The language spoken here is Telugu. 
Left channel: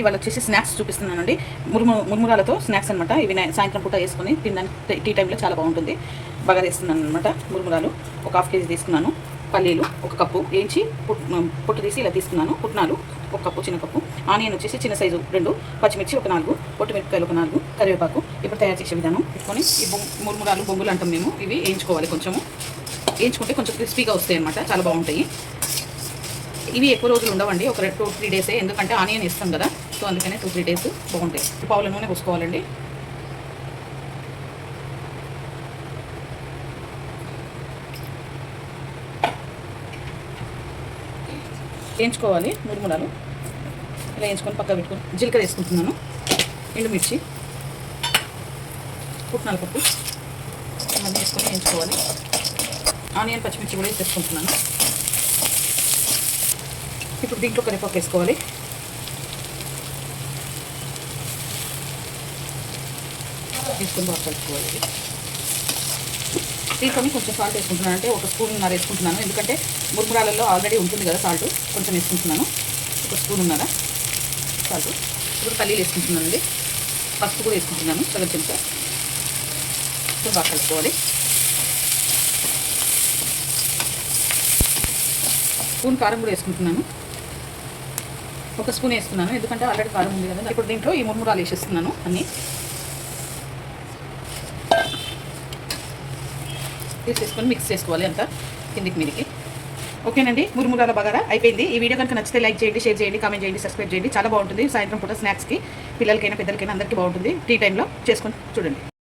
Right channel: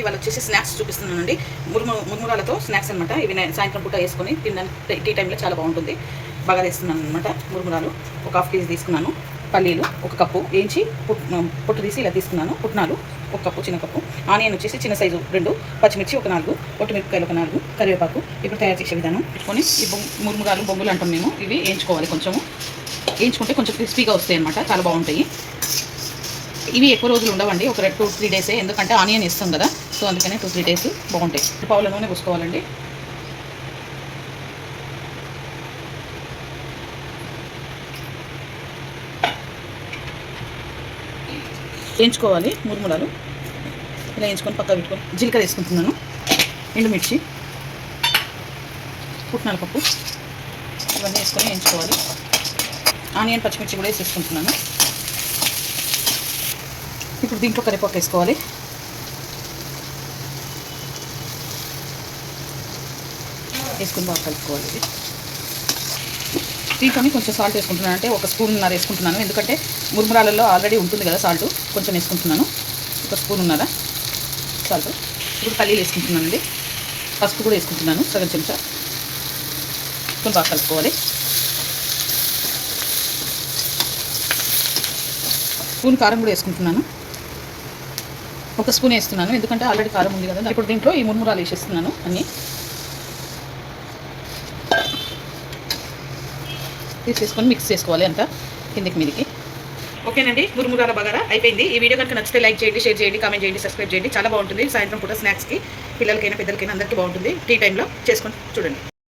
ఇవాళ వచ్చేసి స్నాక్స్ చూపిస్తున్నానండి. మురుమురాలతో స్నాక్స్ అనమాట. ఇవి సాయంత్రం పూట వేసుకొని తినడానికి టీ టైంలో చాలా బాగుంటుంది. బాగా వేస్తున్నాను అనమాట. మురుమురాలు ఒక 1/2 కేజీ తీసుకున్నాను. పల్లీలు 1 కప్పు వేయించి పొట్టు తీసి ఇలా తీసుకున్నాను. పుట్నాలు 1 కప్పు, చిన్న కప్పు. ఆనియన్ వచ్చేసి చిన్న సైజు 2, పచ్చిమిర్చి ఒక 4, పొట్టిమిరపకాయలు ఒక 4, కరివేపాకు. ఇప్పుడు తయారు చేసే విధానం పెట్టుకొని ఈ మురుమురాలు బొంగులు అంటాం మేము. ఇవి వేయించుకోవాలి. కొంచెము వేయించుకుంటే కొంచెం క్రిస్పీగా వస్తాయి అనమాట. చాలా బాగుంటాయి. ఇవి ఎక్కువ రోజులు ఉండవండి, ఒక 2-3 డేసే. ఎందుకంటే ఆనియన్ ఇస్తాం కదా, సో అందుకనే 2-3 డేస్ బాగుంటాయి. పావుల నూనె పూసుకోవాలండి. వేయించుకోవాలి మురుమురాలు. ఇలా వేయించుకొని పక్కన పెట్టుకొని జీలకర్ర వేసుకుంటున్నాను, ఎండుమిర్చి, పుట్నాల పప్పు ఇవన్నీ వేసుకొని వేయించుకోవాలి. ఆనియన్ పచ్చిమిర్చి కూడా వేసేసుకుంటున్నాను. ఇప్పుడు దీంట్లో కరివేపాకు వేసుకోవాలి. వేసుకుని బాగా కలుపుకోవాలి. దీంట్లో కొంచెం సాల్ట్ వేసుకుంటున్నాను, అంటే 1 స్పూన్నర వేసుకుంటున్నాను. ఎందుకంటే మురుమురాలలో ఆల్రెడీ ఉంటుంది కదా సాల్ట్, కొంచెం వేసుకుంటున్నాను. 1 స్పూన్నర సాల్ట్. ఇప్పుడు పల్లీలు వేసుకుంటున్నాను అండి. పసుపు కూడా వేసుకుంటున్నాను, సగం చెంచా. కొంచెం బాగా కలుపుకోవాలి. స్పూన్ కారం కూడా వేసుకుంటున్నాను. 1 స్పూన్ వేస్తున్నాను, ఎందుకంటే ఆల్రెడీ కారం ఉంది కదా. ఇప్పుడు దీంట్లో ఈ మురుమురాలు వేసేస్తున్నాను. అన్నీ తీసేసుకొని మిక్స్ చేసుకోవాలి అంతా కిందికి మీదికి. ఓకేనండి, మురుమురాల బగారా అయిపోయింది. ఈ వీడియో కనుక నచ్చితే లైక్ చేయండి, షేర్ చేయండి, కామెంట్ చేయండి, సబ్స్క్రైబ్ చేయండి. చాలా బాగుంటుంది. సాయంత్రం పూట స్నాక్స్కి పిల్లలకైనా పెద్దలకైనా అందరికీ బాగుంటుంది. టీ టైంలో చేసుకొని చూడండి.